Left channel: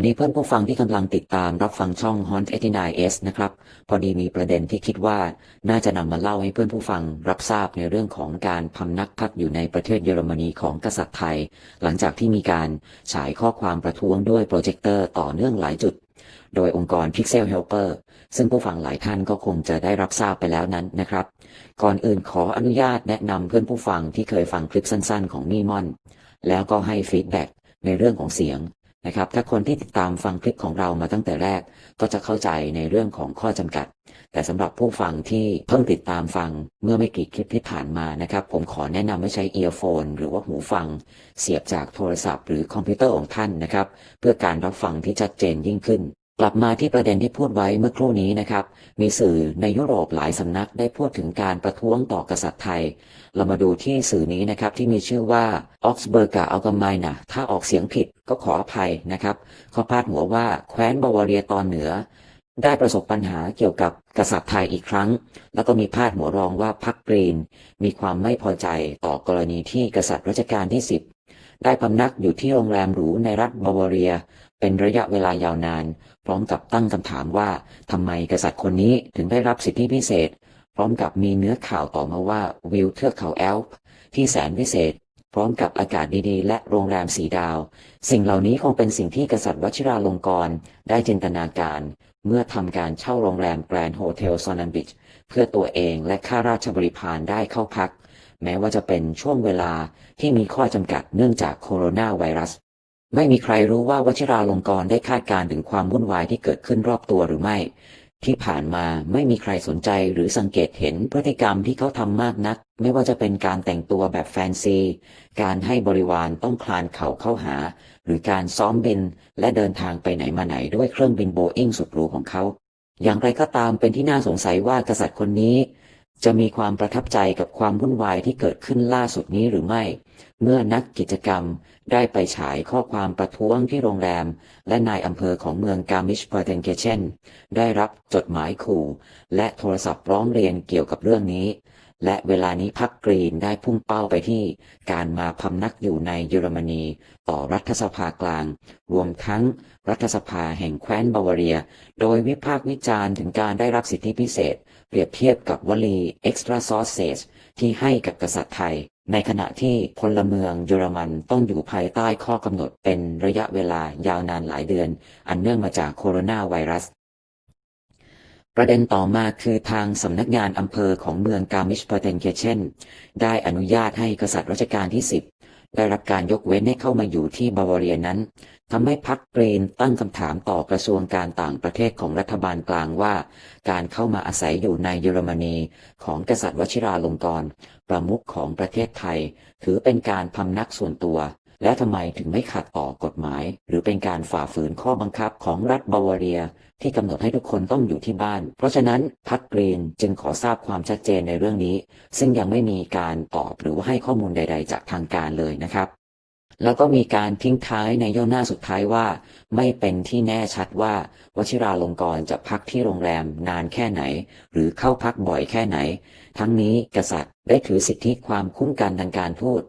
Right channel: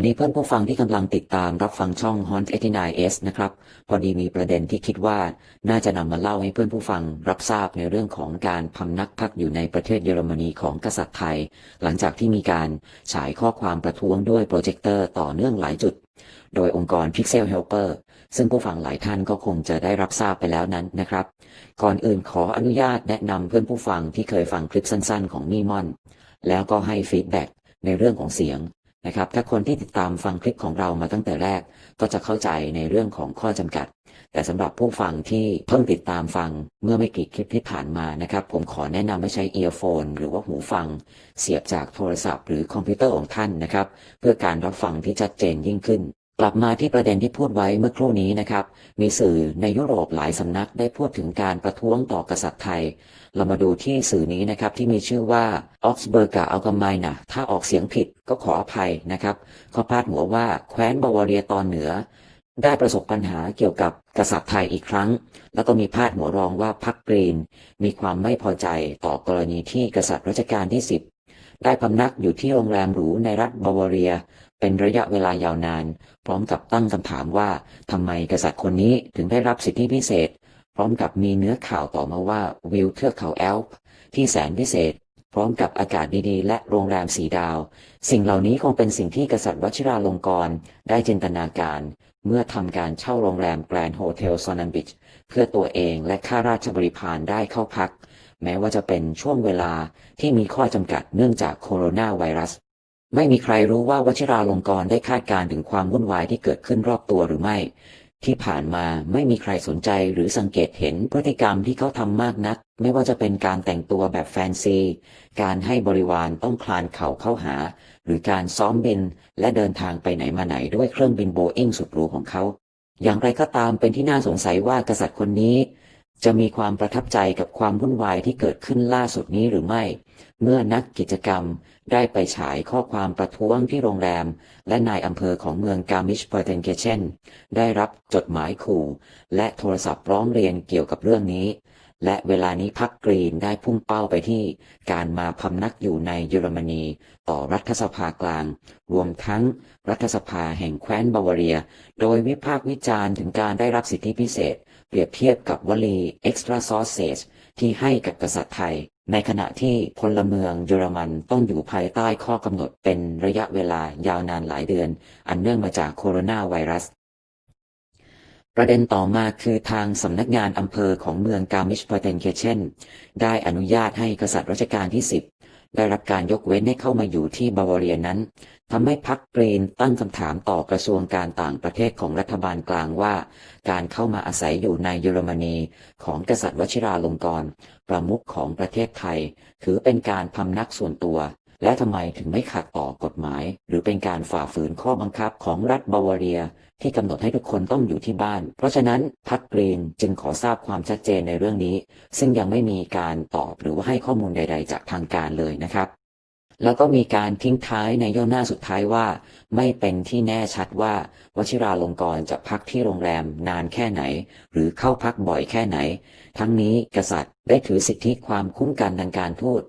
วัสดีเพื่อนผู้ฟังที่กำลังติดตามรับฟังช่อง Hunt 89S นะครับ พอดีมีประเด็นที่คิดว่าน่าจะนำมาเล่าให้เพื่อนผู้ฟัง รับทราบในเรื่องของการพำนักพักอยู่ในประเทศเยอรมนีของกษัตริย์ไทย หลังจากที่มีการฉายข้อความประท้วงด้วยโปรเจคเตอร์ต่อเนื่องหลายจุด โดยองค์กร Pixel Helper ซึ่งผู้ฟังหลายท่านก็คงจะได้รับทราบไปแล้วนั้นนะครับ ก่อนอื่นขออนุญาตแนะนำเพื่อนผู้ฟังที่เคยฟังคลิปสั้น ๆ ของมี่มอน แล้วก็ให้ฟีดแบ็กในเรื่องของเสียง นะครับ ถ้าคนที่ติดตามฟังคลิปของเรามาตั้งแต่แรก ก็จะเข้าใจในเรื่องของข้อจำกัด แต่สำหรับผู้ฟังที่เพิ่งติดตามฟังเมื่อไม่กี่คลิปที่ผ่านมานะครับ ผมขอแนะนำให้ใช้เอียร์โฟนหรือว่าหูฟัง เสียบจากโทรศัพท์หรือคอมพิวเตอร์ของท่านนะครับ เพื่อการรับฟังที่ชัดเจนยิ่งขึ้น กลับมาที่ประเด็นที่พูดไว้เมื่อครู่นี้นะครับ มีสื่อในยุโรปหลายสำนักได้พูดถึงการประท้วงต่อกษัตริย์ไทย เรามาดูที่สื่อนี้นะครับที่มีชื่อว่า Augsburger Allgemeine ถ้าออกเสียงผิดก็ขออภัยนะครับเขาพาดหัวว่าแคว้นบาวาเรียตอนเหนือ ได้ประสบปัญหาเกี่ยวกับกษัตริย์ไทยอีกครั้ง แล้วก็มีพาดหัวรองว่าพรรคกรีน มีความไม่พอใจต่อกรณีที่กษัตริย์รัชกาลที่ 10 ได้พำนักอยู่ที่โรงแรมหรูในรัฐบาวาเรีย เป็นระยะเวลายาวนาน พร้อมกับตั้งคำถามว่าทำไมกษัตริย์คนนี้ถึงได้รับสิทธิพิเศษ พร้อมกับมีเนื้อข่าวต่อมาว่าวิวเทือกเขาแอลป์ที่แสนพิเศษ พร้อมกับอากาศดีๆ และโรงแรมสีดาว สิ่งเหล่านี้คงเป็นสิ่งที่กษัตริย์วชิราลงกรณ์ได้จินตนาการ เมื่อทำการเช่าโรงแรมแกรนด์โฮเทลซอนันบิชเพื่อตัวเองและข้าราชบริพารได้เข้าพัก แม้ว่าจะเป็นช่วงเวลา ที่มีข้อจำกัดเนื่องจากโคโรนาไวรัส ไม่มีใครรู้ว่าวชิราลงกรณ์ได้คาดการณ์ถึงความวุ่นวายที่เกิดขึ้นรอบตัวหรือไม่ ที่ผ่านมาไม่มีใครสนใจหรือสังเกตเห็นพฤติกรรมที่เขาทำมากนัก ไม่ว่าจะเป็นการแต่งตัวแบบแฟนซี การให้บริวารต้องคลานเข่าเข้าหา หรือการซ้อมบิน และเดินทางไปไหนมาไหนด้วยเครื่องบินโบอิงสุดหรูของเขาอย่างไรก็ตามเป็นที่น่าสงสัยว่ากษัตริย์คนนี้ จะมีความประทับใจกับความวุ่นวายที่เกิดขึ้นล่าสุดนี้หรือไม่ เมื่อนักกิจกรรมได้ไปฉายข้อความประท้วงที่โรงแรม และนายอำเภอของเมืองกามิชเปอร์เทนเกเชนได้รับจดหมายขู่ และโทรศัพท์ร้องเรียนเกี่ยวกับเรื่องนี้ และเวลานี้พักกรีนได้พุ่งเป้าไปที่การมาพำนักอยู่ในเยอรมนีต่อรัฐสภากลาง รวมทั้งรัฐสภาแห่งแคว้นบาวาเรีย โดยวิพากษ์วิจารณ์ถึงการได้รับสิทธิพิเศษ เปรียบเทียบกับวลี extra sausage ที่ให้กับกษัตริย์ไทย ในขณะที่พลเมืองเยอรมันต้องอยู่ภายใต้ข้อกำหนดเป็นระยะเวลายาวนานหลายเดือน อันเนื่องมาจากโคโรนาไวรัส ประเด็นต่อมาคือทางสำนักงานอำเภอของเมืองกามิชเปอร์เทนเคเชนได้อนุญาตให้กษัตริย์รัชกาลที่ 10 ได้รับการยกเว้นให้เข้ามาอยู่ที่บาวาเรียนั้นทำให้พรรคกรีนตั้งคำถามต่อกระทรวงการต่างประเทศของรัฐบาลกลางว่า การเข้ามาอาศัยอยู่ในเยอรมนีของกษัตริย์วชิราลงกรณ์ประมุขของประเทศไทย ถือเป็นการพำนักส่วนตัว และทำไมถึงไม่ขัดต่อกฎหมาย หรือเป็นการฝ่าฝืนข้อบังคับของรัฐบาวาเรีย ที่กำหนดให้ทุกคนต้องอยู่ที่บ้าน เพราะฉะนั้นพรรคกรีนจึงขอทราบความชัดเจนในเรื่องนี้ ซึ่งยังไม่มีการตอบหรือให้ข้อมูลใด ๆ จากทางการเลยนะครับแล้วก็มีการทิ้งท้ายในย่นหน้าสุดท้ายว่า ไม่เป็นที่แน่ชัดว่าวชิราลงกรจะพักที่โรงแรมนานแค่ไหน หรือเข้าพักบ่อยแค่ไหน ทั้งนี้กษัตริย์ได้ถือสิทธิความคุ้มกันทางการทูต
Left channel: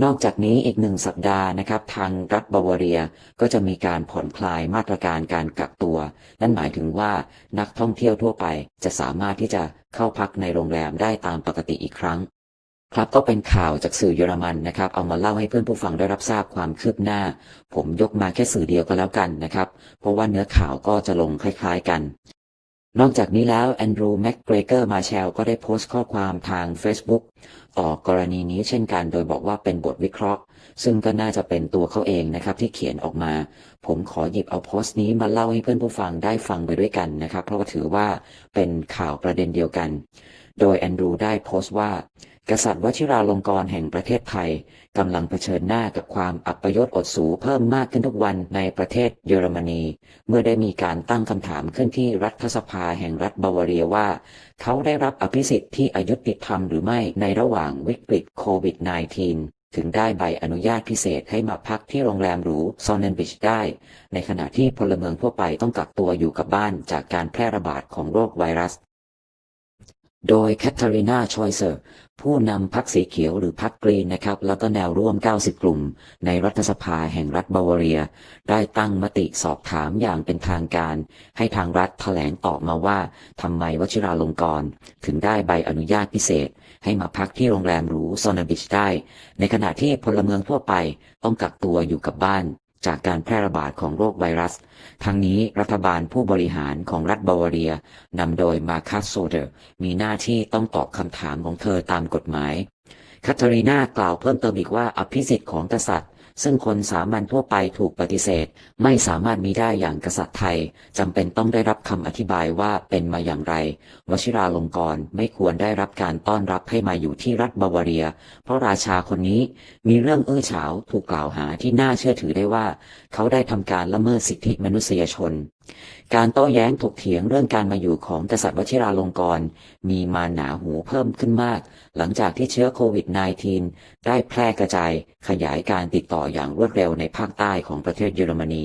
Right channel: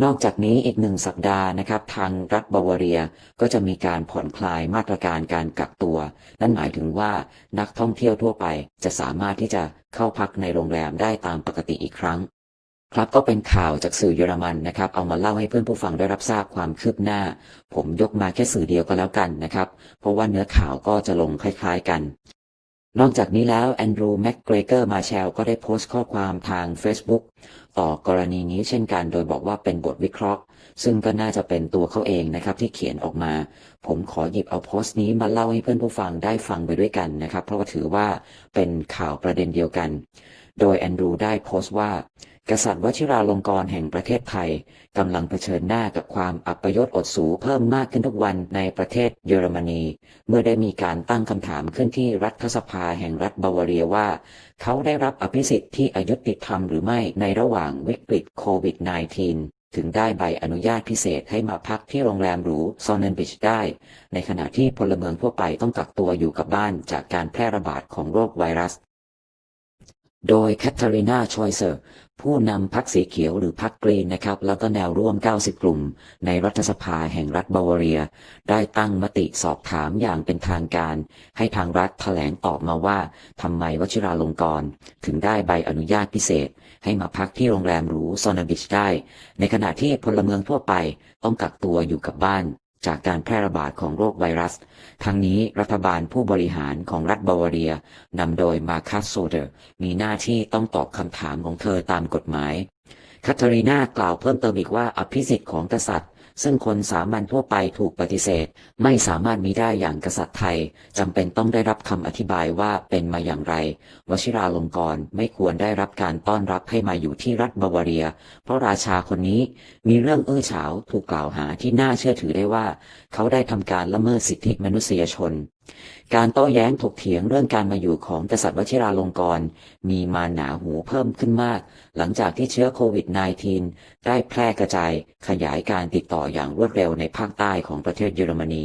นอกจากนี้อีกหนึ่งสัปดาห์นะครับทางรัฐบาวาเรียก็จะมีการผ่อนคลายมาตรการการกักตัว นั่นหมายถึงว่านักท่องเที่ยวทั่วไปจะสามารถที่จะเข้าพักในโรงแรมได้ตามปกติอีกครั้ง ครับก็เป็นข่าวจากสื่อเยอรมันนะครับ เอามาเล่าให้เพื่อนผู้ฟังได้รับทราบความคืบหน้า ผมยกมาแค่สื่อเดียวก็แล้วกันนะครับ เพราะว่าเนื้อข่าวก็จะลงคล้าย ๆกัน นอกจากนี้แล้วแอนดรูว์แม็กเกรเกอร์มาเชลก็ได้โพสต์ข้อความทาง Facebook ต่อกรณีนี้เช่นกันโดยบอกว่าเป็นบทวิเคราะห์ ซึ่งก็น่าจะเป็นตัวเขาเองนะครับที่เขียนออกมา ผมขอหยิบเอาโพสต์นี้มาเล่าให้เพื่อนผู้ฟังได้ฟังไปด้วยกันนะครับ เพราะถือว่าเป็นข่าวประเด็นเดียวกัน โดยแอนดรูว์ได้โพสต์ว่า กษัตริย์วชิราลงกรณ์แห่งประเทศไทย กำลังเผชิญหน้ากับความอัปยศอดสูเพิ่มมากขึ้นทุกวันในประเทศเยอรมนี เมื่อได้มีการตั้งคำถามขึ้นที่รัฐสภาแห่งรัฐบาวาเรียว่า เขาได้รับอภิสิทธิ์ที่อายุติธรรมหรือไม่ในระหว่างวิกฤตโควิด -19 ถึงได้ใบอนุญาตพิเศษให้มาพักที่โรงแรมหรูโซเนนบิชได้ ในขณะที่พลเมืองทั่วไปต้องกักตัวอยู่กับบ้านจากการแพร่ระบาดของโรคไวรัส โดยแคทเธอรีนาชอยเซอร์ ผู้นำพรรคสีเขียวหรือพรรคกรีนนะครับ แล้วก็แนวร่วม 90 กลุ่ม ในรัฐสภาแห่งรัฐบาวาเรีย ได้ตั้งมติสอบถามอย่างเป็นทางการ ให้ทางรัฐแถลงตอบมาว่าทำไมวชิราลงกรณ์ถึงได้ใบอนุญาตพิเศษ ให้มาพักที่โรงแรมหรูซอนาบิชได้ ในขณะที่พลเมืองทั่วไปต้องกักตัวอยู่กับบ้าน จากการแพร่ระบาดของโรคไวรัส ทั้งนี้รัฐบาลผู้บริหารของรัฐบาวาเรียนำโดยมาคัสโซเดอร์ มีหน้าที่ต้องตอบคำถามของเธอตามกฎหมายคาทารีนากล่าวเพิ่มเติมอีกว่าอภิสิทธิ์ของกษัตริย์ ซึ่งคนสามัญทั่วไปถูกปฏิเสธ ไม่สามารถมีได้อย่างกษัตริย์ไทยจำเป็นต้องได้รับคำอธิบายว่าเป็นมาอย่างไร วชิราลงกรณ์ไม่ควรได้รับการต้อนรับให้มาอยู่ที่รัฐบาวาเรีย เพราะราชาคนนี้มีเรื่องอื้อฉาวถูกกล่าวหาที่น่าเชื่อถือได้ว่า เขาได้ทำการละเมิดสิทธิมนุษยชน การโต้แย้งถกเถียงเรื่องการมาอยู่ของกษัตริย์วชิราลงกรณ์มีมาหนาหูเพิ่มขึ้นมาก หลังจากที่เชื้อโควิด -19 ได้แพร่กระจายขยายการติดต่ออย่างรวดเร็วในภาคใต้ของประเทศเยอรมนี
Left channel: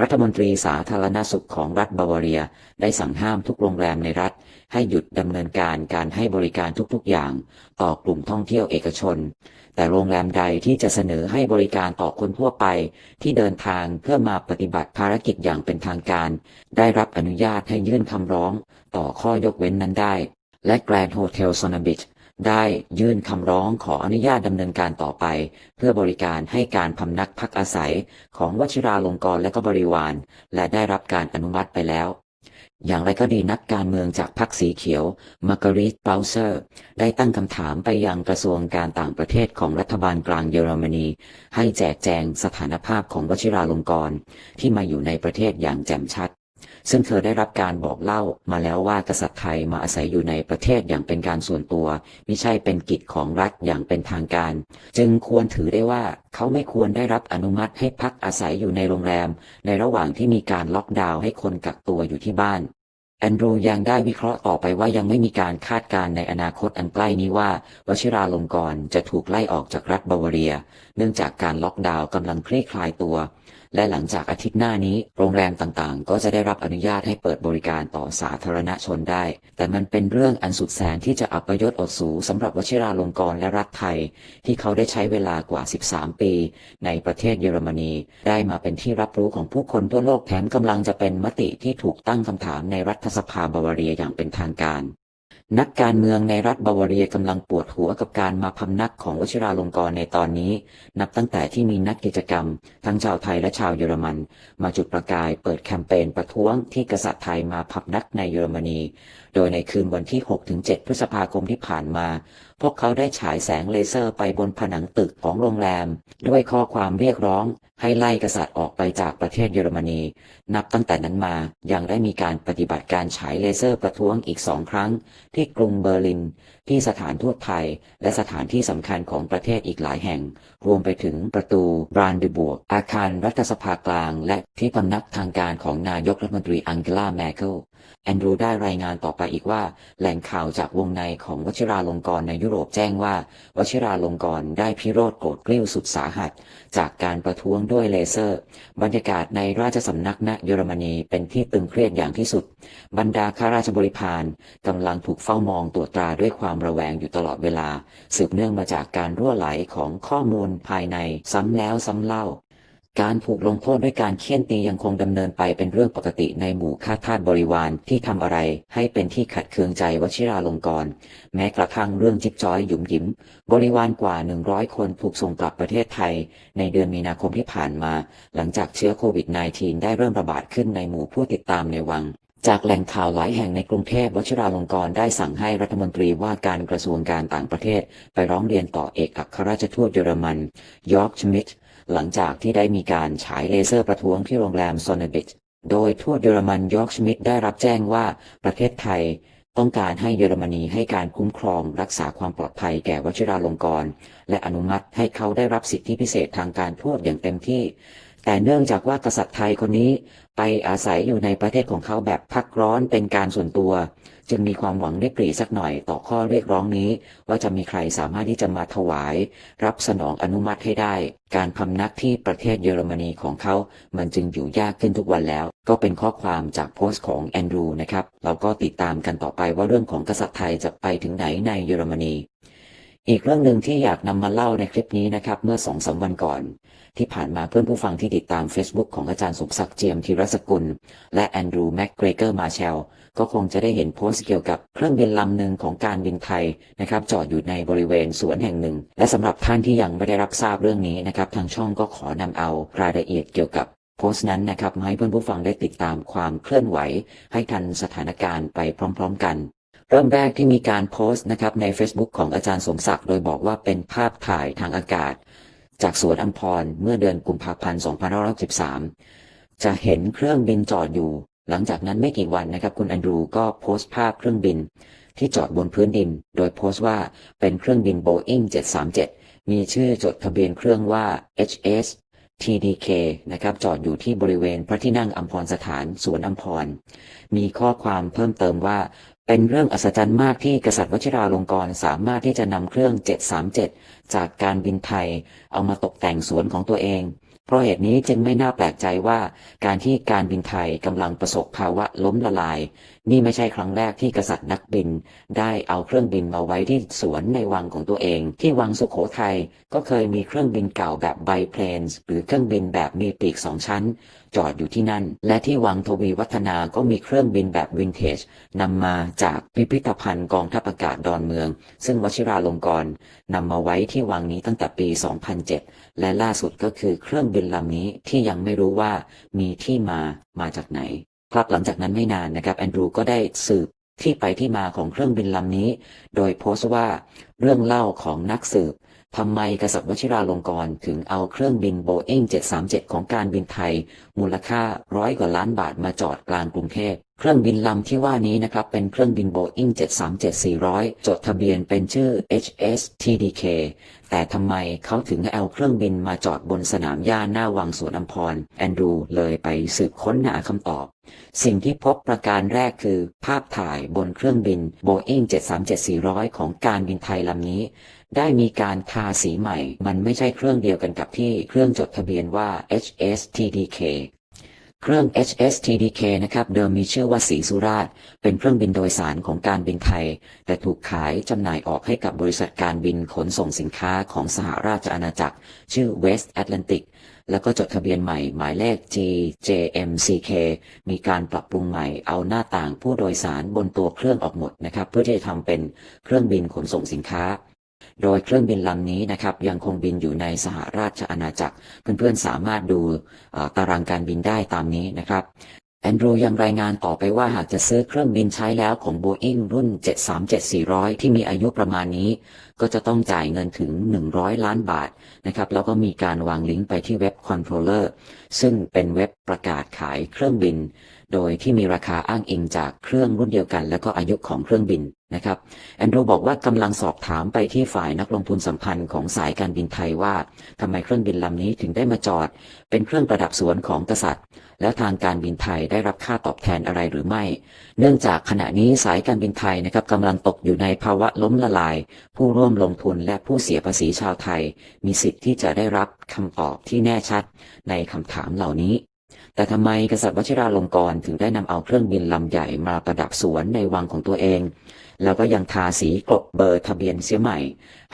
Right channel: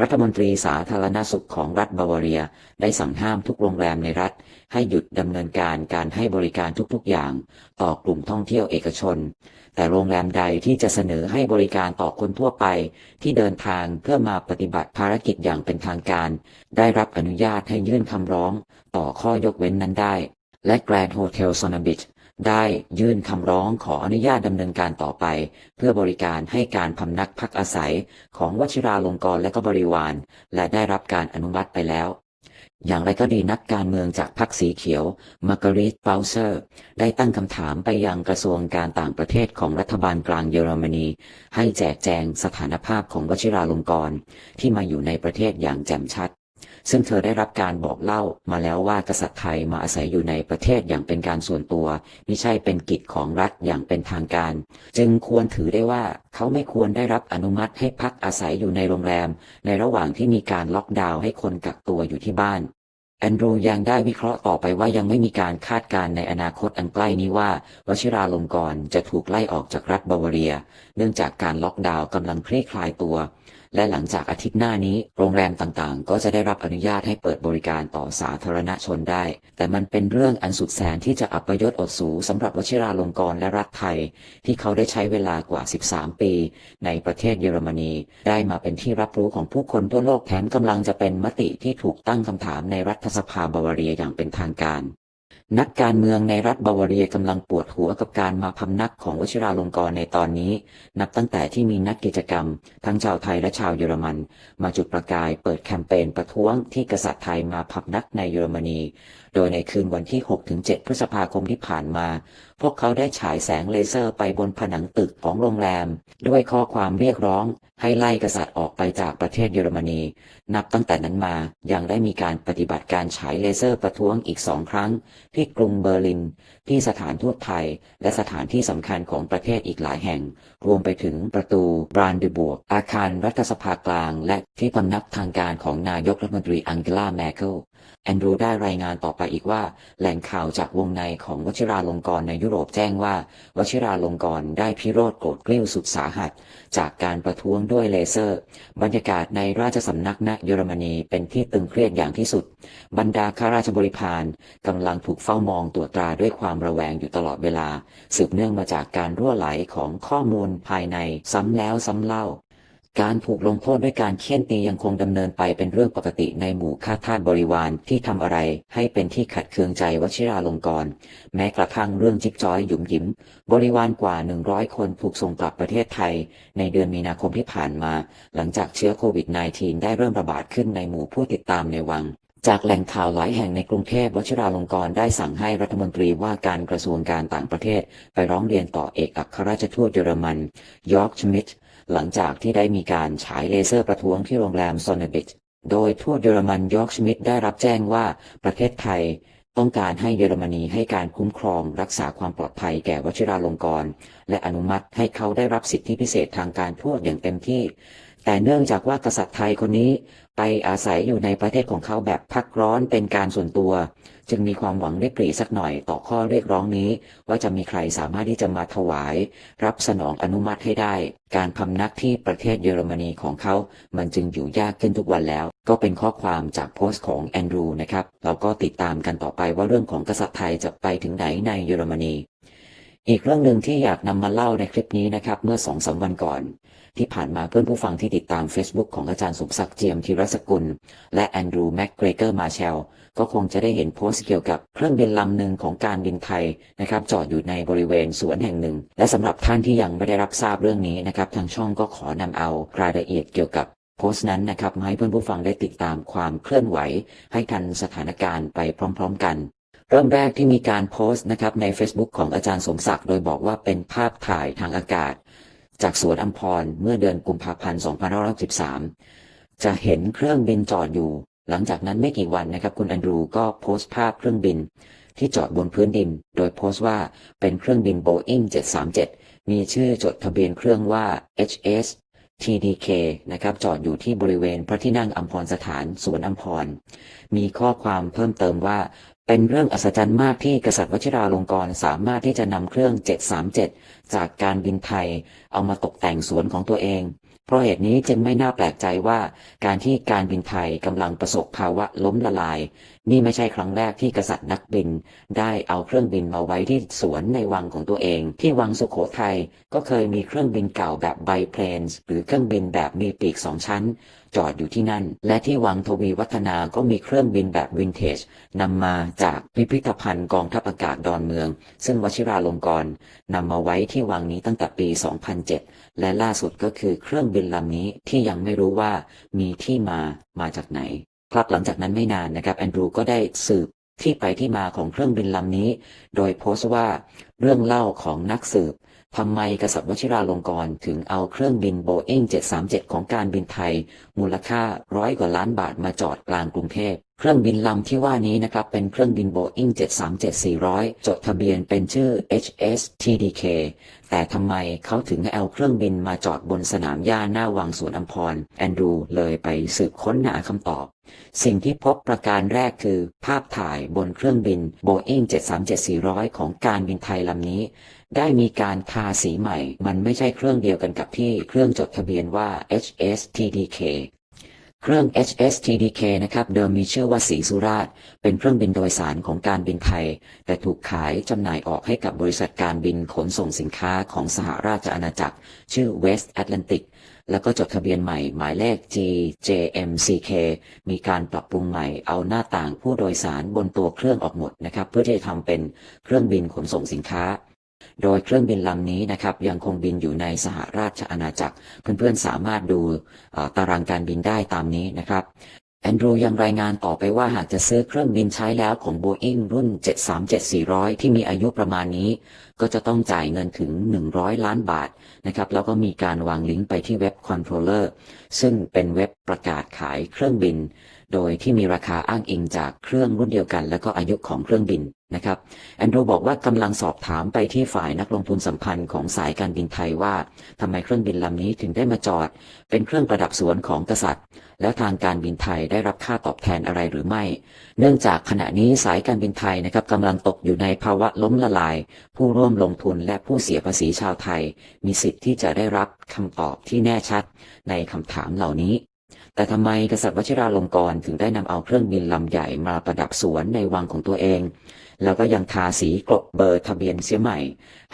รัฐมนตรีสาธารณสุขของรัฐบาวาเรีย ได้สั่งห้ามทุกโรงแรมในรัฐ ให้หยุดดำเนินการการให้บริการทุกๆอย่าง ต่อกลุ่มท่องเที่ยวเอกชน แต่โรงแรมใดที่จะเสนอให้บริการต่อคนทั่วไป ที่เดินทางเพื่อมาปฏิบัติภารกิจอย่างเป็นทางการ ได้รับอนุญาตให้ยื่นคำร้อง ต่อข้อยกเว้นนั้นได้ และแกรนด์โฮเทลโซนาบิช ได้ยื่นคำร้องขออนุญาตดำเนินการต่อไป เพื่อบริการให้การพำนักพักอาศัยของวชิราลงกรณ์และก็บริวาร และได้รับการอนุมัติไปแล้ว อย่างไรก็ดีนักการเมืองจากพรรคสีเขียวมาร์กาเร็ตเบลเซอร์ ได้ตั้งคำถามไปยังกระทรวงการต่างประเทศของรัฐบาลกลางเยอรมนี ให้แจกแจงสถานภาพของวชิราลงกรณ์ที่มาอยู่ในประเทศอย่างแจ่มชัด ซึ่งเธอได้รับการบอกเล่ามาแล้วว่ากษัตริย์ไทยมาอาศัยอยู่ในประเทศอย่างเป็นการส่วนตัว ไม่ใช่เป็นกิจของรัฐอย่างเป็นทางการ จึงควรถือได้ว่าเขาไม่ควรได้รับอนุมัติให้พักอาศัยอยู่ในโรงแรม ในระหว่างที่มีการล็อกดาวน์ให้คนกักตัวอยู่ที่บ้านแอนดรูยังได้วิเคราะห์ต่อไปว่ายังไม่มีการคาดการณ์ในอนาคตอันใกล้นี้ว่าวชิราลงกรณ์จะถูกไล่ออกจากรัฐบาวาเรีย เนื่องจากการล็อกดาวน์กำลังคลี่คลายตัว และหลังจากอาทิตย์หน้านี้ โรงแรมต่างๆ ก็จะได้รับอนุญาตให้เปิดบริการต่อสาธารณชนได้ แต่มันเป็นเรื่องอันสุดแสนที่จะอัปยศอดสูสำหรับวชิราลงกรณ์และรัฐไทย ที่เขาได้ใช้เวลากว่า 13 ปี ในประเทศเยอรมนี ได้มาเป็นที่รับรู้ของผู้คนทั่วโลกแถมกำลังจะเป็นมติที่ถูกตั้งคำถามในรัฐสภาบาวาเรียอย่างเป็นทางการ นักการเมืองในรัฐบาวาเรียกำลังปวดหัวกับการมาพำนักของวชิราลงกรณ์ในตอนนี้ นับตั้งแต่ที่มีนักกิจกรรม ทั้งชาวไทยและชาวเยอรมัน มาจุดประกายเปิดแคมเปญประท้วงที่กษัตริย์ไทยมาพำนักในเยอรมนี โดยในคืนวันที่ 6-7 พฤษภาคมที่ผ่านมา พวกเขาได้ฉายแสงเลเซอร์ไปบนผนังตึกของโรงแรม ด้วยข้อความเรียกร้องให้ไล่กษัตริย์ออกไปจากประเทศเยอรมนี นับตั้งแต่นั้นมายังได้มีการปฏิบัติการฉายเลเซอร์ประท้วงอีกสองครั้ง ที่กรุงเบอร์ลิน ที่สถานทูตไทย และสถานที่สำคัญของประเทศอีกหลายแห่ง รวมไปถึงประตูบรานดูบวกอาคารรัฐสภากลาง และที่พำนักทางการของนายกรัฐมนตรีอังเกลาแมเคิล แอนดรูได้รายงานต่อไปอีกว่า แหล่งข่าวจากวงในของวชิราลงกรณ์ในยุโรปแจ้งว่า วชิราลงกรณ์ได้พิโรธโกรธเกลี้ยวสุดสาหัส จากการประท้วงด้วยเลเซอร์ บรรยากาศในราชสำนักณเยอรมนีเป็นที่ตึงเครียดอย่างที่สุด บรรดาข้าราชบริพารกำลังถูกเฝ้ามองตรวจตราด้วยความระแวงอยู่ตลอดเวลา สืบเนื่องมาจากการรั่วไหลของข้อมูลภายในซ้ำแล้วซ้ำเล่า การถูกลงโทษด้วยการเคี่ยนตียังคงดำเนินไปเป็นเรื่องปกติในหมู่ข้าทาสบริวารที่ทำอะไร ให้เป็นที่ขัดเคืองใจวชิราลงกรณ์แม้กระทั่งเรื่องจิบจ้อยหยุมหยิม บริวารกว่า 100 คนถูกส่งกลับประเทศไทย ในเดือนมีนาคมที่ผ่านมา หลังจากเชื้อโควิด -19 ได้เริ่มระบาดขึ้นในหมู่ผู้ติดตามในวังจากแหล่งข่าวหลายแห่งในกรุงเทพวชิราลงกรณ์ได้สั่งให้รัฐมนตรีว่าการกระทรวงการต่างประเทศ ไปร้องเรียนต่อเอกอัครราชทูตเยอรมันยอร์กชมิด หลังจากที่ได้มีการฉายเลเซอร์ประท้วงที่โรงแรมโซนบิทโดยทูตเยอรมันยอร์กชมิดได้รับแจ้งว่าประเทศไทยต้องการให้เยอรมนีให้การคุ้มครองรักษาความปลอดภัยแก่วชิราลงกรณ์และอนุมัติให้เขาได้รับสิทธิพิเศษทางการทูตอย่างเต็มที่ แต่เนื่องจากว่ากษัตริย์ไทยคนนี้ไปอาศัยอยู่ในประเทศของเขาแบบพักร้อนเป็นการส่วนตัว จึงมีความหวังริบหรี่สักหน่อยต่อข้อเรียกร้องนี้ ว่าจะมีใครสามารถที่จะมาถวาย รับสนองอนุมัติให้ได้ การพำนักที่ประเทศเยอรมนีของเขา มันจึงอยู่ยากขึ้นทุกวันแล้ว ก็เป็นข้อความจากโพสต์ของแอนดรูนะครับเราก็ติดตามกันต่อไปว่าเรื่องของกษัตริย์ไทยจะไปถึงไหนในเยอรมนีอีกเรื่องหนึ่งที่อยากนำมาเล่าในคลิปนี้นะครับ เมื่อสองสามวันก่อน ที่ผ่านมาเพื่อนผู้ฟังที่ติดตาม Facebook ของอาจารย์สมศักดิ์เจียมธีรสกุล และแอนดรูแม็กเกรเกอร์มาเชล ก็คงจะได้เห็นโพสต์เกี่ยวกับเครื่องบินลำหนึ่งของการบินไทยนะครับจอดอยู่ในบริเวณสวนแห่งหนึ่ง และสำหรับท่านที่ยังไม่ได้รับทราบเรื่องนี้นะครับทางช่องก็ขอนำเอารายละเอียดเกี่ยวกับโพสต์นั้นนะครับมาให้เพื่อนผู้ฟังได้ติดตามความเคลื่อนไหว ให้กันสถานการณ์ไปพร้อม ๆ กันเริ่มแรกที่มีการโพสต์นะครับใน Facebook ของอาจารย์สมศักดิ์โดยบอกว่าเป็นภาพถ่ายทางอากาศ จากสวนอัมพรเมื่อเดือนกุมภาพันธ์ 2513 จะเห็นเครื่องบินจอดอยู่ หลังจากนั้นไม่กี่วันนะครับ คุณแอนดรูก็โพสต์ภาพเครื่องบิน ที่จอดบนพื้นดิน โดยโพสต์ว่าเป็นเครื่องบิน Boeing 737 มีชื่อจดทะเบียนเครื่องว่า HS TDK นะครับจอดอยู่ที่บริเวณพระที่นั่งอัมพรสถานสวนอัมพร มีข้อความเพิ่มเติมว่า เป็นเรื่องอัศจรรย์มากที่กษัตริย์วชิราลงกรณ์สามารถที่จะนำเครื่อง 737 จากการบินไทย เอามาตกแต่งสวนของตัวเอง เพราะเหตุนี้จึงไม่น่าแปลกใจว่าการที่การบินไทยกำลังประสบภาวะล้มละลาย นี่ไม่ใช่ครั้งแรกที่กษัตริย์นักบิน ได้เอาเครื่องบินมาไว้ที่สวนในวังของตัวเอง ที่วังสุโขทัยก็เคยมีเครื่องบินเก่าแบบไบเพลนส์หรือเครื่องบินแบบมีปีกสองชั้น จอดอยู่ที่นั่น และที่วังทวีวัฒนาก็มีเครื่องบินแบบวินเทจนำมาจากพิพิธภัณฑ์กองทัพอากาศดอนเมือง ซึ่งวชิราลงกรณ์นำมาไว้ที่วังนี้ตั้งแต่ปี 2007 และล่าสุดก็คือเครื่องบินลำนี้ที่ยังไม่รู้ว่ามีที่มามาจากไหน ครับหลังจากนั้นไม่นานนะครับแอนดรูก็ได้สืบที่ไปที่มาของเครื่องบินลำนี้ โดยโพสต์ว่าเรื่องเล่าของนักสืบ ทำไมกษัตริย์วชิราลงกรณ์ถึงเอาเครื่องบินโบเอ็ง737 ของการบินไทย มูลค่าร้อยกว่าล้านบาทมาจอดกลางกรุงเทพเครื่องบินลำที่ว่านี้นะครับ เป็นเครื่องบินโบอิง737-400 จดทะเบียนเป็นชื่อ HS TDK แต่ทำไมเขาถึงเอาเครื่องบินมาจอดบนสนามหญ้าหน้าวังสวนอัมพร แอนดูเลยไปสืบค้นหาคำตอบ สิ่งที่พบประการแรกคือ ภาพถ่ายบนเครื่องบิน Boeing 737-400 ของการบินไทยลำนี้ ได้มีการทาสีใหม่ มันไม่ใช่เครื่องเดียวกันกับที่เครื่องจดทะเบียนว่า HS TDK เครื่อง HS TDK นะครับเดิมมีชื่อว่าสีสุราษเป็นเครื่องบินโดยสารของการบินไทย แต่ถูกขายจำหน่ายออกให้กับบริษัทการบินขนส่งสินค้าของสหราชอาณาจักร ชื่อ West Atlantic แล้วก็จดทะเบียนใหม่หมายเลข GJMCK มีการปรับปรุงใหม่เอาหน้าต่างผู้โดยสารบนตัวเครื่องออกหมดนะครับ เพื่อที่จะทำเป็นเครื่องบินขนส่งสินค้า โดยเครื่องบินลำนี้นะครับยังคงบินอยู่ในสหราชอาณาจักร เพื่อนๆสามารถดูอ่าตารางการบินได้ตามนี้นะครับแอนดรูยังรายงานต่อไปว่าหากจะซื้อเครื่องบินใช้แล้วของ Boeing รุ่น 737-400 ที่มีอายุประมาณนี้ ก็จะต้องจ่ายเงินถึง 100 ล้านบาทนะครับแล้วก็มีการวางลิงก์ไปที่เว็บ Controller ซึ่งเป็นเว็บประกาศขายเครื่องบิน โดยที่มีราคาอ้างอิงจากเครื่องรุ่นเดียวกัน และก็อายุของเครื่องบิน นะครับแอนดรูบอกว่ากำลังสอบถามไปที่ฝ่ายนักลงทุนสัมพันธ์ของสายการบินไทยว่าทำไมเครื่องบินลำนี้ถึงได้มาจอด เป็นเครื่องประดับสวนของกษัตริย์ แล้วทางการบินไทยได้รับค่าตอบแทนอะไรหรือไม่ เนื่องจากขณะนี้สายการบินไทยนะครับกำลังตกอยู่ในภาวะล้มละลาย ผู้ร่วมลงทุนและผู้เสียภาษีชาวไทย มีสิทธิ์ที่จะได้รับคำตอบที่แน่ชัดในคำถามเหล่านี้ แต่ทำไมกษัตริย์วชิราลงกรณ์ถึงได้นำเอาเครื่องบินลำใหญ่มาประดับสวนในวังของตัวเอง แล้วก็ยังทาสีกลบเบอร์ทะเบียนเสียใหม่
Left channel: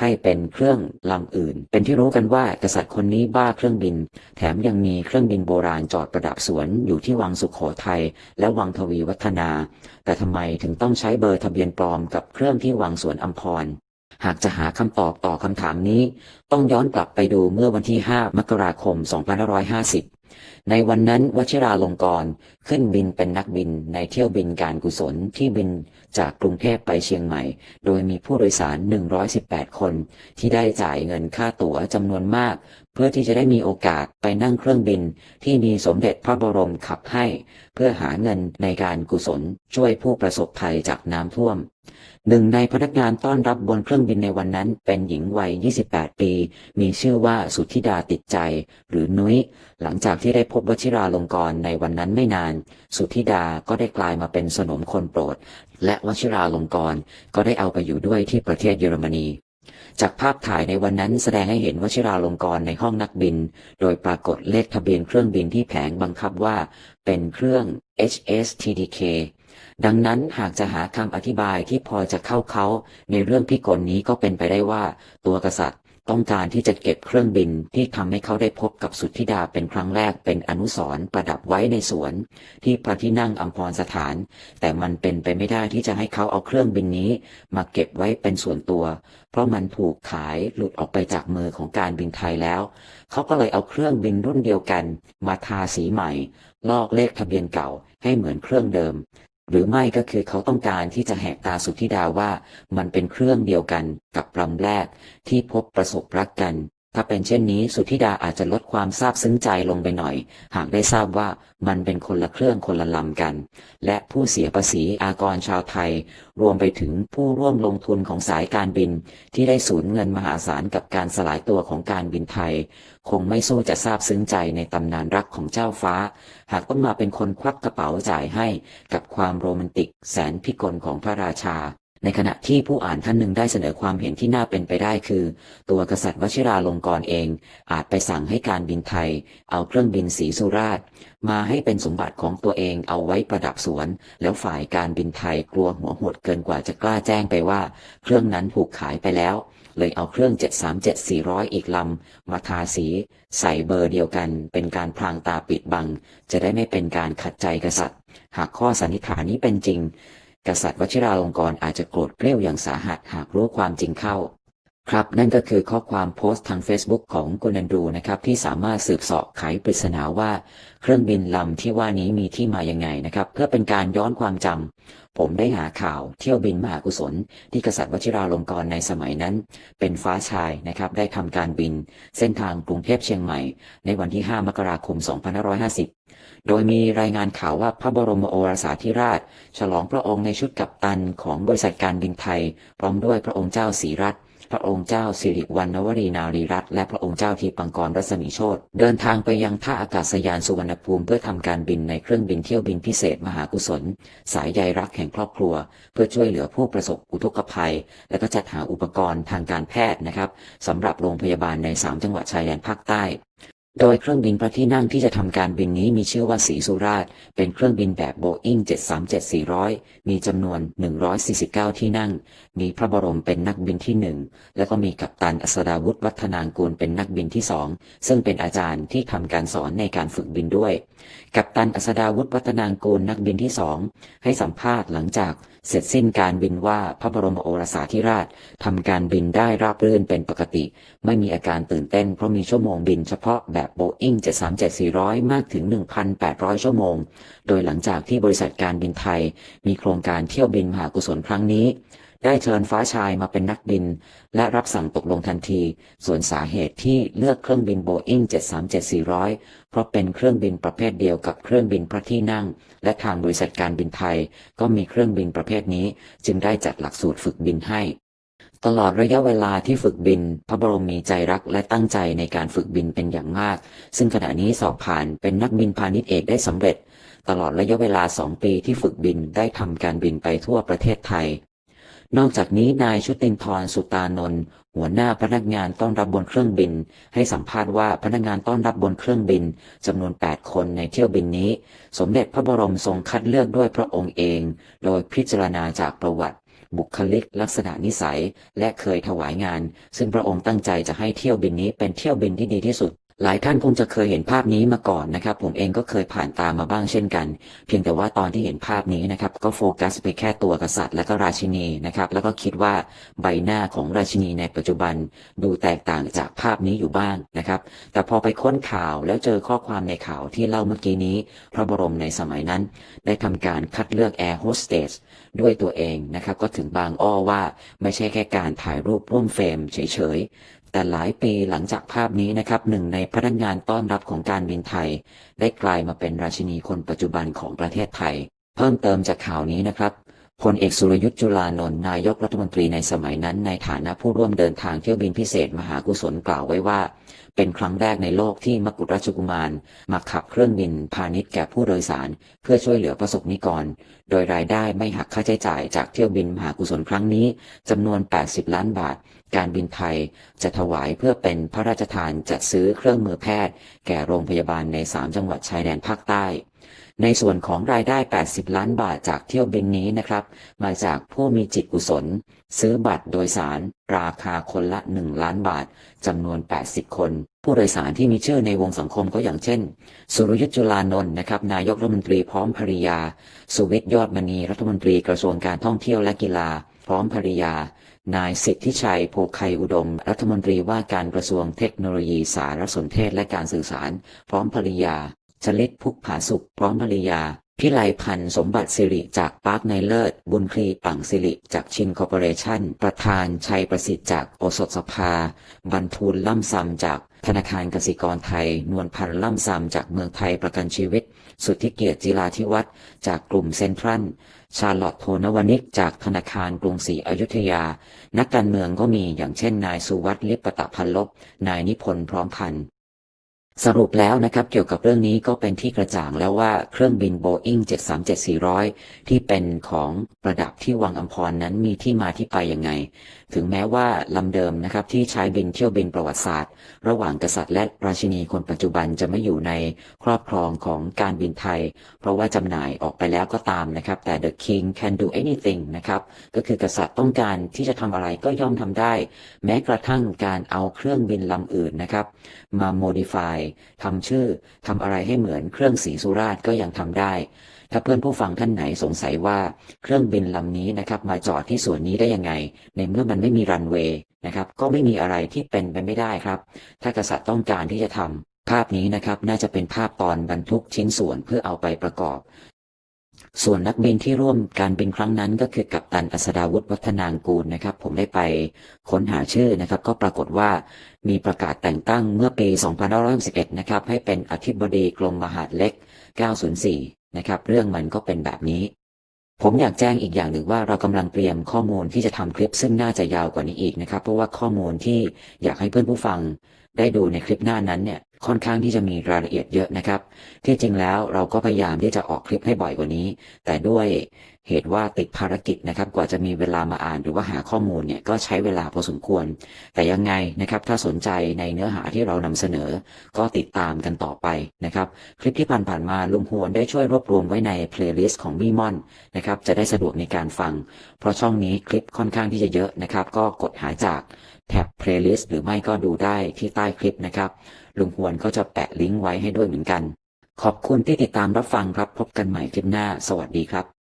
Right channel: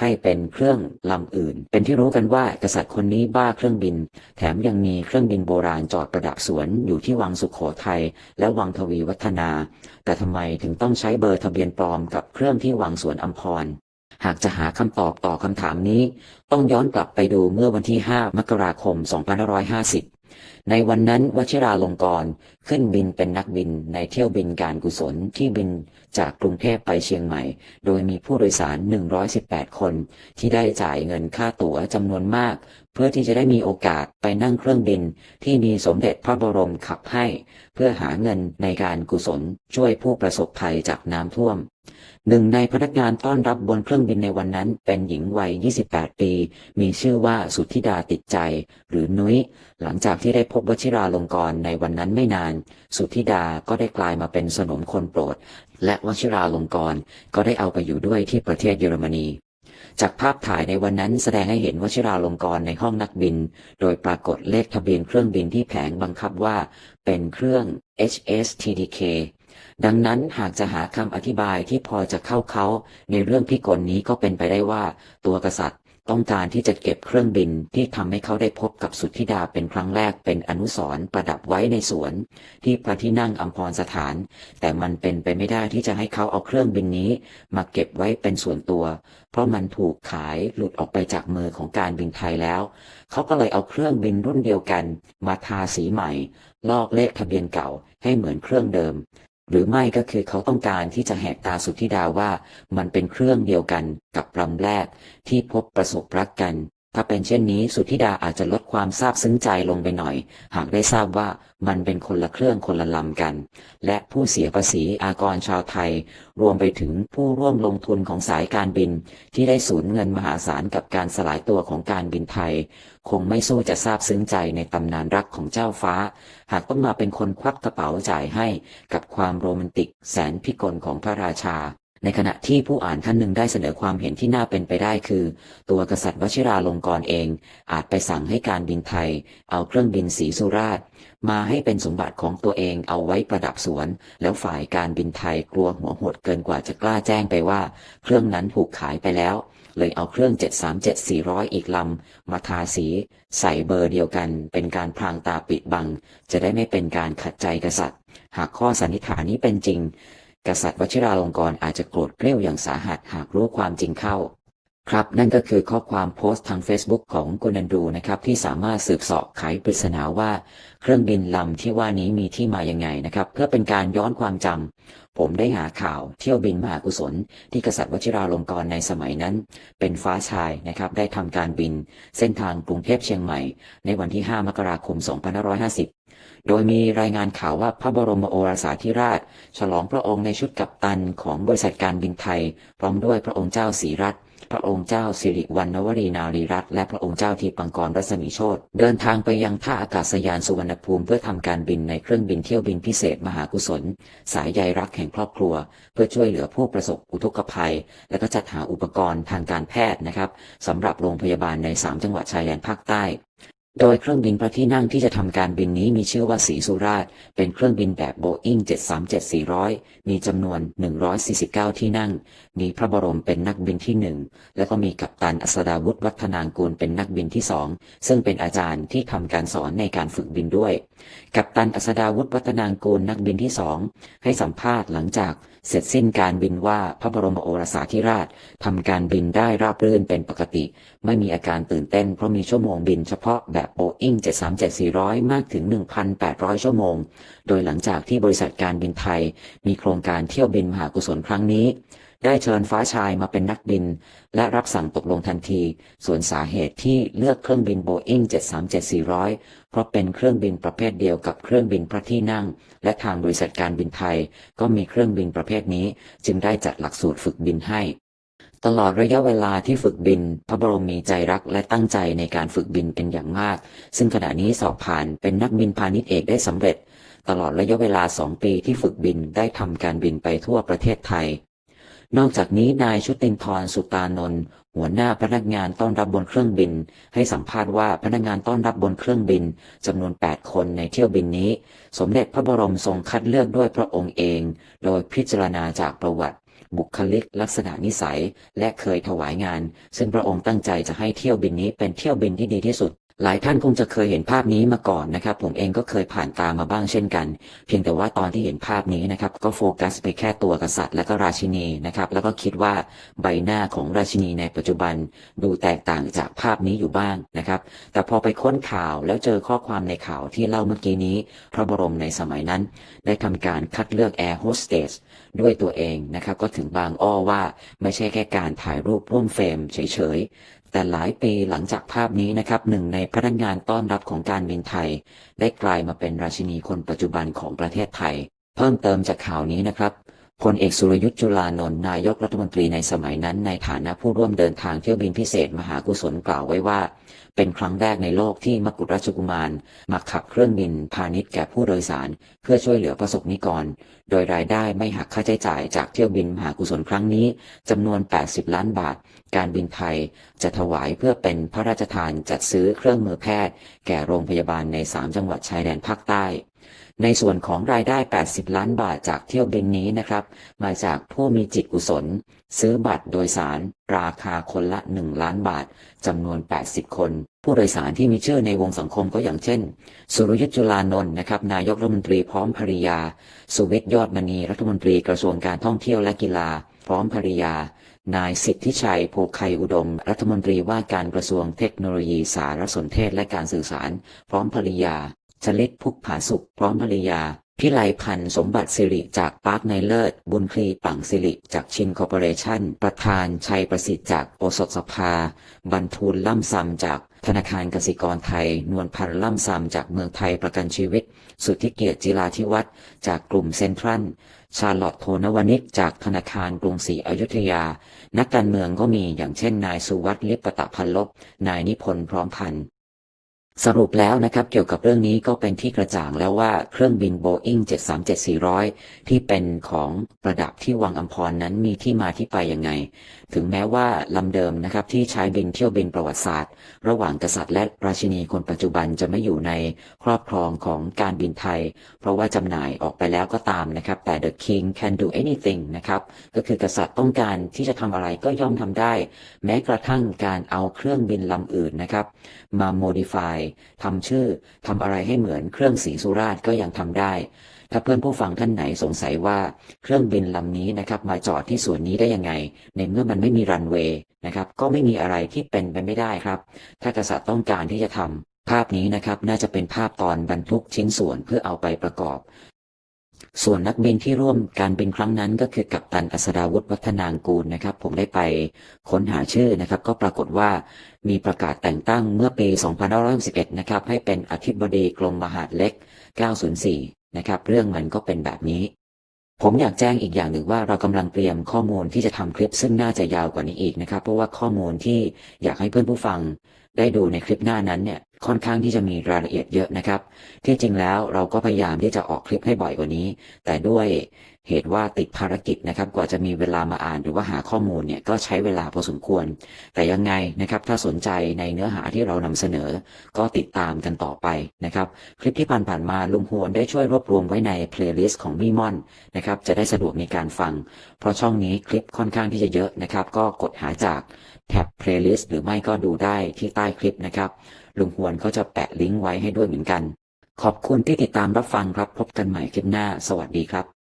ให้เป็นเครื่องลำอื่น เป็นที่รู้กันว่ากษัตริย์คนนี้บ้าเครื่องบิน แถมยังมีเครื่องบินโบราณจอดประดับสวนอยู่ที่วังสุขโขทัยและวังทวีวัฒนา แต่ทำไมถึงต้องใช้เบอร์ทะเบียนปลอมกับเครื่องที่วังสวนอัมพรหากจะหาคำตอบต่อคำถามนี้ ต้องย้อนกลับไปดูเมื่อวันที่ 5 มกราคม 2550 ในวันนั้นวชิราลงกรณ์ขึ้นบินเป็นนักบินในเที่ยวบินการกุศลที่บินจากกรุงเทพไปเชียงใหม่ โดยมีผู้โดยสาร 118 คน ที่ได้จ่ายเงินค่าตั๋วจำนวนมาก เพื่อที่จะได้มีโอกาสไปนั่งเครื่องบินที่มีสมเด็จพระบรมขับให้ เพื่อหาเงินในการกุศลช่วยผู้ประสบภัยจากน้ำท่วม หนึ่งในพนักงานต้อนรับบนเครื่องบินในวันนั้น เป็นหญิงวัย 28 ปี มีชื่อว่าสุทธิดาติดใจ หรือนุ้ย หลังจากที่ได้พบวชิราลงกรในวันนั้นไม่นาน สุทธิดาก็ได้กลายมาเป็นสนมคนโปรด และวชิราลงกรก็ได้เอาไปอยู่ด้วยที่ประเทศเยอรมนี จากภาพถ่ายในวันนั้นแสดงให้เห็นวชิราลงกรณ์ในห้องนักบิน โดยปรากฏเลขทะเบียนเครื่องบินที่แผงบังคับว่า เป็นเครื่อง HS TDK ดังนั้นหากจะหาคำอธิบายที่พอจะเข้าเขาในเรื่องพิกลนี้ก็เป็นไปได้ว่า ตัวกษัตริย์ ต้องการที่จะเก็บเครื่องบินที่ทำให้เขาได้พบกับสุทธิดาเป็นครั้งแรกเป็นอนุสร์ประดับไว้ในสวน ที่พระที่นั่งอัมพรสถาน แต่มันเป็นไปไม่ได้ที่จะให้เขาเอาเครื่องบินนี้ มาเก็บไว้เป็นส่วนตัว เพราะมันถูกขายหลุดออกไปจากมือของการบินไทยแล้ว เขาก็เลยเอาเครื่องบินรุ่นเดียวกัน มาทาสีใหม่ ลอกเลขทะเบียนเก่าให้เหมือนเครื่องเดิม หรือไม่ก็คือเขาต้องการที่จะแหกตาสุทธิดาว่ามันเป็นเครื่องเดียวกันกับลำแรกที่พบประสบรักกัน ถ้าเป็นเช่นนี้สุธิดาอาจจะลดความซาบซึ้งใจลงไปหน่อย หากได้ทราบว่ามันเป็นคนละเครื่องคนละลำกัน และผู้เสียภาษีอากรชาวไทย รวมไปถึงผู้ร่วมลงทุนของสายการบิน ที่ได้สูญเงินมหาศาลกับการสลายตัวของการบินไทย คงไม่สู้จะซาบซึ้งใจในตำนานรักของเจ้าฟ้า หากต้องมาเป็นคนควักกระเป๋าจ่ายให้กับความโรแมนติกแสนพิกลของพระราชา ในขณะที่ผู้อ่านท่านหนึ่งได้เสนอความเห็นที่น่าเป็นไปได้คือ ตัวกษัตริย์วชิราลงกรณ์เอง อาจไปสั่งให้การบินไทย เอาเครื่องบินสีสุราษฎร์มาให้เป็นสมบัติของตัวเองเอาไว้ประดับสวน แล้วฝ่ายการบินไทยกลัวหัวหดเกินกว่าจะกล้าแจ้งไปว่า เครื่องนั้นถูกขายไปแล้ว เลยเอาเครื่อง 737-400 อีกลำมาทาสี ใส่เบอร์เดียวกันเป็นการพรางตาปิดบัง จะได้ไม่เป็นการขัดใจกษัตริย์ หากข้อสันนิษฐานนี้เป็นจริง กษัตริย์วชิราลงกรณ์อาจจะโกรธเกรี้ยวอย่างสาหัสหากรู้ความจริงเข้า ครับนั่นก็คือข้อความโพสต์ทาง Facebook ของกุนันดูนะครับที่สามารถสืบเสาะไขปริศนาว่า เครื่องบินลำที่ว่านี้มีที่มายังไงนะครับเพื่อเป็นการย้อนความจำผมได้หาข่าวเที่ยวบินมหากุศล ที่กษัตริย์วชิราลงกรณ์ในสมัยนั้น เป็นฟ้าชายนะครับได้ทำการบิน เส้นทางกรุงเทพเชียงใหม่ ในวันที่ 5 มกราคม 2550 โดยมีรายงานข่าวว่าพระบรมโอรสาธิราช ฉลองพระองค์ในชุดกัปตันของบริษัทการบินไทย พร้อมด้วยพระองค์เจ้าศรีรัตน์พระองค์เจ้าสิริวัณณวรีนารีรัตน์และพระองค์เจ้าทีปังกรรัศมีโชตเดินทางไปยังท่าอากาศยานสุวรรณภูมิเพื่อทำการบินในเครื่องบินเที่ยวบินพิเศษมหากุศล สายใยรักแห่งครอบครัว เพื่อช่วยเหลือผู้ประสบอุทกภัย และก็จัดหาอุปกรณ์ทางการแพทย์นะครับสำหรับโรงพยาบาลใน 3 จังหวัดชายแดนภาคใต้ โดยเครื่องบินพระที่นั่งที่จะทำการบินนี้มีชื่อว่าสีสุราษฎร์เป็นเครื่องบินแบบโบอิง737-400 มีจำนวน 149 ที่นั่ง มีพระบรมเป็นนักบินที่หนึ่งแล้วก็มีกัปตันอัศดาวุฒิวัฒนางกูลเป็นนักบินที่สองซึ่งเป็นอาจารย์ที่ทำการสอนในการฝึกบินด้วย กัปตันอัศดาวุฒิวัฒนางกูลนักบินที่สองให้สัมภาษณ์หลังจาก เสร็จสิ้นการบินว่าพระบรมโอรสาธิราชทำการบินได้ราบรื่นเป็นปกติ ไม่มีอาการตื่นเต้นเพราะมีชั่วโมงบินเฉพาะแบบโบอิง737-400 มากถึง 1,800 ชั่วโมง โดยหลังจากที่บริษัทการบินไทย มีโครงการเที่ยวบินมหากุศลครั้งนี้ ได้เชิญฟ้าชายมาเป็นนักบิน และรับสั่งตกลงทันที ส่วนสาเหตุที่เลือกเครื่องบินโบอิง737-400 เพราะเป็นเครื่องบินประเภทเดียวกับเครื่องบินพระที่นั่ง และทางบริษัทการบินไทย ก็มีเครื่องบินประเภทนี้ จึงได้จัดหลักสูตรฝึกบินให้ ตลอดระยะเวลาที่ฝึกบิน พระบรมมีใจรักและตั้งใจในการฝึกบินเป็นอย่างมาก ซึ่งขณะนี้สอบผ่านเป็นนักบินพาณิชย์เอกได้สำเร็จตลอดระยะเวลาสองปีที่ฝึกบินได้ทำการบินไปทั่วประเทศไทย นอกจากนี้นายชุตินทรสุตานนท์หัวหน้าพนักงานต้อนรับบนเครื่องบิน ให้สัมภาษณ์ว่าพนักงานต้อนรับบนเครื่องบินจำนวน 8 คนในเที่ยวบินนี้ สมเด็จพระบรมทรงคัดเลือกด้วยพระองค์เอง โดยพิจารณาจากประวัติบุคลิกลักษณะนิสัยและเคยถวายงาน ซึ่งพระองค์ตั้งใจจะให้เที่ยวบินนี้เป็นเที่ยวบินที่ดีที่สุด หลายท่านคงจะเคยเห็นภาพนี้มาก่อนนะครับ ผมเองก็เคยผ่านตามาบ้างเช่นกัน เพียงแต่ว่าตอนที่เห็นภาพนี้นะครับ ก็โฟกัสไปแค่ตัวกษัตริย์และก็ราชินีนะครับ แล้วก็คิดว่าใบหน้าของราชินีในปัจจุบันดูแตกต่างจากภาพนี้อยู่บ้างนะครับ แต่พอไปค้นข่าวแล้วเจอข้อความในข่าวที่เล่าเมื่อกี้นี้ พระบรมในสมัยนั้น ได้ทำการคัดเลือกแอร์โฮสเตสด้วยตัวเองนะครับ ก็ถึงบางอ้อว่าไม่ใช่แค่การถ่ายรูปร่วมเฟรมเฉยๆ แต่หลายปีหลังจากภาพนี้นะครับหนึ่งในพนักงานต้อนรับของการบินไทย ได้กลายมาเป็นราชินีคนปัจจุบันของประเทศไทย เพิ่มเติมจากข่าวนี้นะครับ พลเอกสุรยุทธ์จุลานนท์นายกรัฐมนตรีในสมัยนั้น ในฐานะผู้ร่วมเดินทางเที่ยวบินพิเศษมหากุศลกล่าวไว้ว่า เป็นครั้งแรกในโลกที่มกุฎราชกุมารมาขับเครื่องบินพาณิชย์แก่ผู้โดยสาร เพื่อช่วยเหลือประสบนิกร โดยรายได้ไม่หักค่าใช้จ่ายจากเที่ยวบินมหากุศลครั้งนี้จำนวน 80 ล้านบาท การบินไทยจะถวายเพื่อเป็นพระราชทานจัดซื้อเครื่องมือแพทย์ แก่โรงพยาบาลใน 3 จังหวัดชายแดนภาคใต้ ในส่วนของรายได้ 80 ล้านบาทจากเที่ยวบินนี้นะครับ มาจากผู้มีจิตกุศล ซื้อบัตรโดยสาร ราคาคนละ 1 ล้านบาทจำนวน 80 คน ผู้โดยสารที่มีชื่อในวงสังคมก็อย่างเช่น สุรยุทธ์จุลานนท์นะครับ นายกรัฐมนตรีพร้อมภริยา สุวิทย์ยอดมณีรัฐมนตรีกระทรวงการท่องเที่ยวและกีฬา พร้อมภริยา นายสิทธิชัยภูไคอุดม รัฐมนตรีว่าการกระทรวงเทคโนโลยีสารสนเทศและการสื่อสาร พร้อมภริยา ชลิตพุกผาสุขพร้อมภริยา พิไลพันธ์สมบัติสิริจากปาร์คในเลิศ บุญครีปังสิริจากชินคอร์ปอเรชั่น ประธานชัยประสิทธิ์จากโอสถสภา บรรทูลล่ำซำจากธนาคารกสิกรไทย นวลพันธ์ล่ำซำจากเมืองไทยประกันชีวิต สุทธิเกียรติจิราธิวัฒน์จากกลุ่มเซ็นทรัล ชาลอตโทนวนิกจากธนาคารกรุงศรีอยุธยา นักการเมืองก็มีอย่างเช่นนายสุวัสดิ์ลิปปตพันลบ นายนิพนธ์พร้อมพันธ์ สรุปแล้วนะครับเกี่ยวกับเรื่องนี้ก็เป็นที่กระจ่างแล้วว่าเครื่องบินโบอิง737-400 ที่เป็นของประดับที่วังอัมพรนั้นมีที่มาที่ไปยังไง ถึงแม้ว่าลำเดิมนะครับที่ใช้บินเที่ยวบินประวัติศาสตร์ ระหว่างกษัตริย์และราชินีคนปัจจุบันจะไม่อยู่ในครอบครองของการบินไทย เพราะว่าจำหน่ายออกไปแล้วก็ตามนะครับแต่ the king can do anything นะครับก็คือกษัตริย์ต้องการที่จะทำอะไรก็ย่อมทำได้ แม้กระทั่งการเอาเครื่องบินลำอื่นนะครับมา modify ทำชื่อทำอะไรให้เหมือนเครื่องสีสุราษฎร์ก็ยังทำได้ ถ้าเพื่อนผู้ฟังท่านไหนสงสัยว่าเครื่องบินลำนี้นะครับมาจอดที่ส่วนนี้ได้ยังไง ในเมื่อมันไม่มีรันเวย์นะครับก็ไม่มีอะไรที่เป็นไปไม่ได้ครับ ถ้ากษัตริย์ต้องการที่จะทำภาพนี้นะครับน่าจะเป็นภาพตอนบรรทุกชิ้นส่วนเพื่อเอาไปประกอบ ส่วนนักบินที่ร่วมการบินครั้งนั้นก็คือกัปตันอัศดาวุฒิวัฒนางกูลนะครับ ผมได้ไปค้นหาชื่อนะครับ ก็ปรากฏว่ามีประกาศแต่งตั้งเมื่อปี 2561 นะครับ ให้เป็นอธิบดีกรมมหาดเล็ก 904 นะครับ เรื่องมันก็เป็นแบบนี้ ผมอยากแจ้งอีกอย่างหนึ่งว่าเรากำลังเตรียมข้อมูลที่จะทำคลิปซึ่งน่าจะยาวกว่านี้อีกนะครับ เพราะว่าข้อมูลที่อยากให้เพื่อนผู้ฟังได้ดูในคลิปหน้านั้นเนี่ย ค่อนข้างที่จะมีรายละเอียดเยอะนะครับ ที่จริงแล้วเราก็พยายามที่จะออกคลิปให้บ่อยกว่านี้ แต่ด้วย เหตุว่าติดภารกิจนะครับ กว่าจะมีเวลามาอ่านหรือว่าหาข้อมูลเนี่ยก็ใช้เวลาพอสมควร แต่ยังไงนะครับ ถ้าสนใจในเนื้อหาที่เรานำเสนอ ก็ติดตามกันต่อไปนะครับ คลิปที่ผ่านๆมาลุงโฮนได้ช่วยรวบรวมไว้ในเพลย์ลิสต์ของบีมอนนะครับ จะได้สะดวกในการฟัง เพราะช่องนี้คลิปค่อนข้างที่จะเยอะนะครับ ก็กดหาจากแท็บเพลย์ลิสต์หรือไม่ก็ดูได้ที่ใต้คลิปนะครับ ลุงฮวนเขาจะแปะลิงก์ไว้ให้ด้วยเหมือนกัน ขอบคุณที่ติดตามรับฟังครับพบกันใหม่คลิปหน้า สวัสดีครับ